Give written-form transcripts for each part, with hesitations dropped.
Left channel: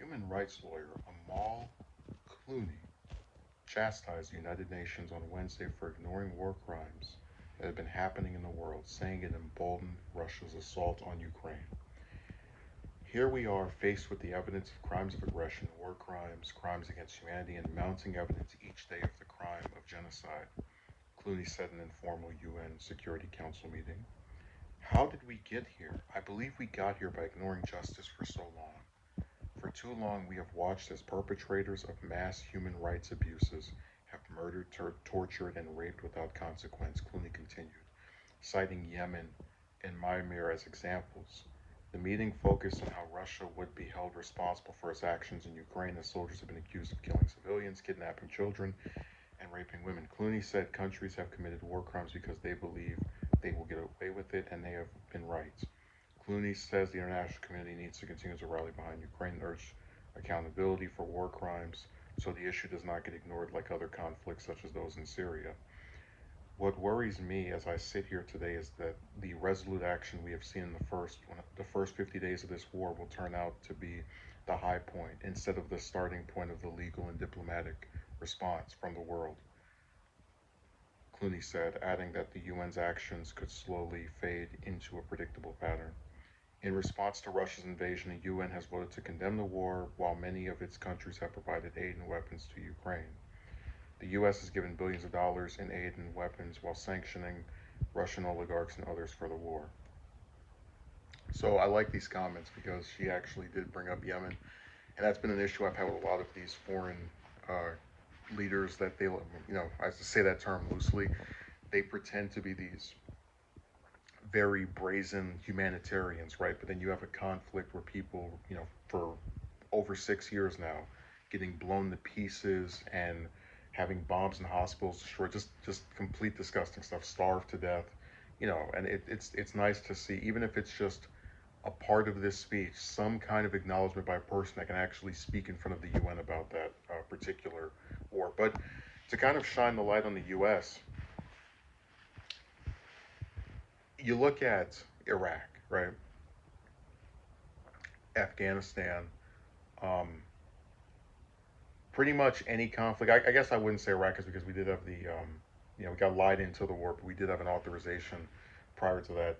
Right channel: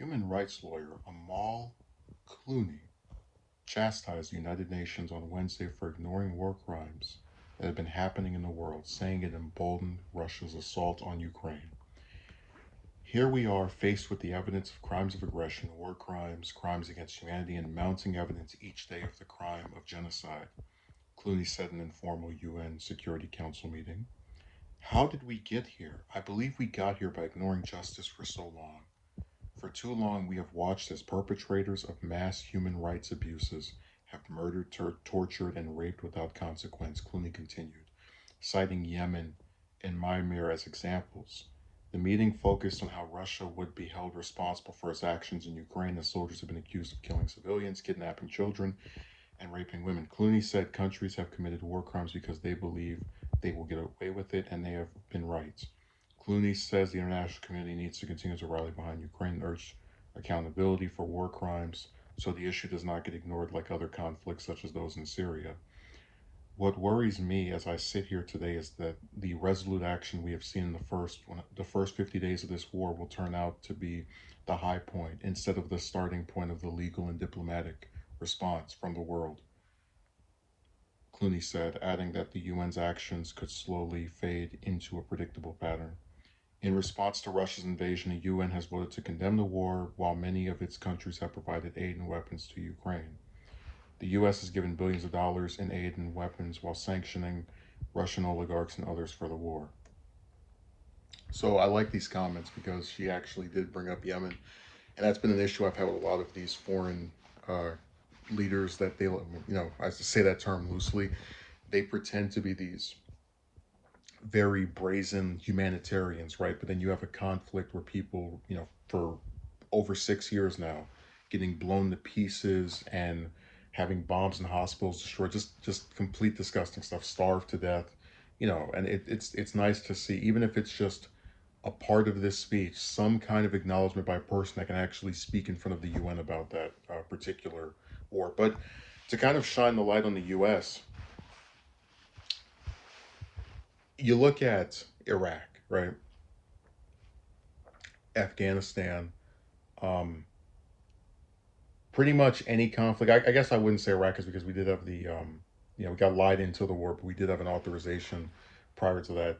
Human rights lawyer Amal Clooney chastised the United Nations on Wednesday for ignoring war crimes that have been happening in the world, saying it emboldened Russia's assault on Ukraine. Here we are faced with the evidence of crimes of aggression, war crimes, crimes against humanity, and mounting evidence each day of the crime of genocide, Clooney said in an informal UN Security Council meeting. How did we get here? I believe we got here by ignoring justice for so long. For too long, we have watched as perpetrators of mass human rights abuses have murdered, tortured, and raped without consequence, Clooney continued, citing Yemen and Myanmar as examples. The meeting focused on how Russia would be held responsible for its actions in Ukraine, as soldiers have been accused of killing civilians, kidnapping children, and raping women. Clooney said countries have committed war crimes because they believe they will get away with it, and they have been right. Clooney says the international community needs to continue to rally behind Ukraine and urge accountability for war crimes so the issue does not get ignored like other conflicts such as those in Syria. What worries me as I sit here today is that the resolute action we have seen in the first 50 days of this war will turn out to be the high point instead of the starting point of the legal and diplomatic response from the world, Clooney said, adding that the UN's actions could slowly fade into a predictable pattern. In response to Russia's invasion, the UN has voted to condemn the war, while many of its countries have provided aid and weapons to Ukraine. The US has given billions of dollars in aid and weapons while sanctioning Russian oligarchs and others for the war. So I like these comments because she actually did bring up Yemen, and that's been an issue I've had with a lot of these foreign uh, leaders that I say that term loosely, they pretend to be these very brazen humanitarians, right? But then you have a conflict where people, for over 6 years now, getting blown to pieces and having bombs in hospitals destroyed, just complete disgusting stuff, starved to death, and it's nice to see, even if it's just a part of this speech, some kind of acknowledgement by a person that can actually speak in front of the UN about that particular war. But to kind of shine the light on the US, you look at Iraq, right? Afghanistan, um, pretty much any conflict. I guess I wouldn't say Iraq is because we did have we got lied into the war, but we did have an authorization prior to that.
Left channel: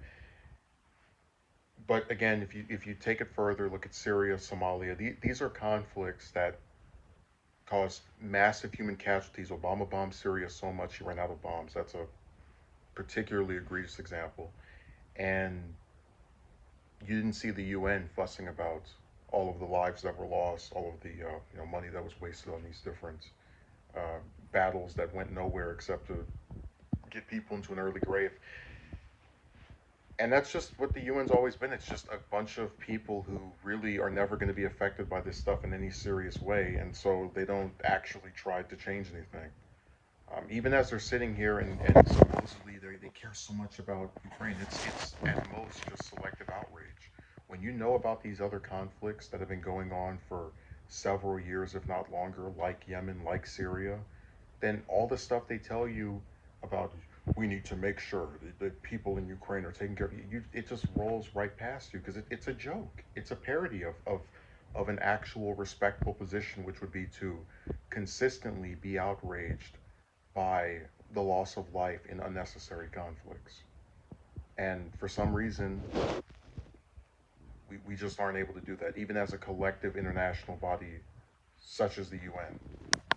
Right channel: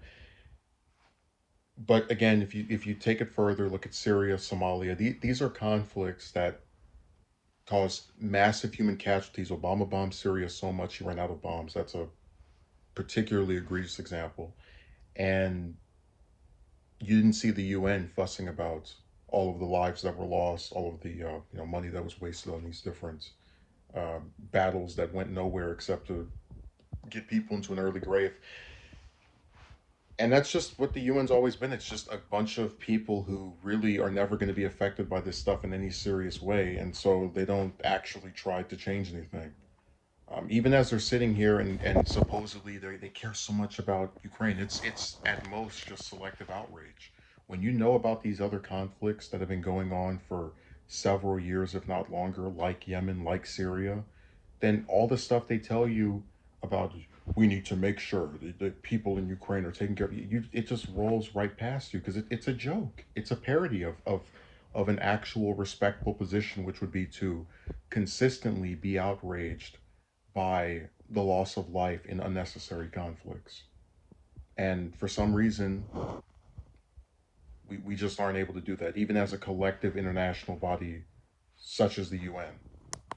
But again, if you take it further, look at Syria, Somalia. These are conflicts that caused massive human casualties. Obama bombed Syria so much he ran out of bombs. That's a particularly egregious example. And you didn't see the UN fussing about all of the lives that were lost, all of the money that was wasted on these different uh, battles that went nowhere except to get people into an early grave. And that's just what the UN's always been. It's just a bunch of people who really are never going to be affected by this stuff in any serious way, and so they don't actually try to change anything. Even as they're sitting here and supposedly they care so much about Ukraine, it's at most just selective outrage. When you know about these other conflicts that have been going on for several years, if not longer, like Yemen, like Syria, then all the stuff they tell you about we need to make sure the people in Ukraine are taken care of, it just rolls right past you because it's a joke. It's a parody of an actual respectful position, which would be to consistently be outraged by the loss of life in unnecessary conflicts. And for some reason, we just aren't able to do that, even as a collective international body such as the UN.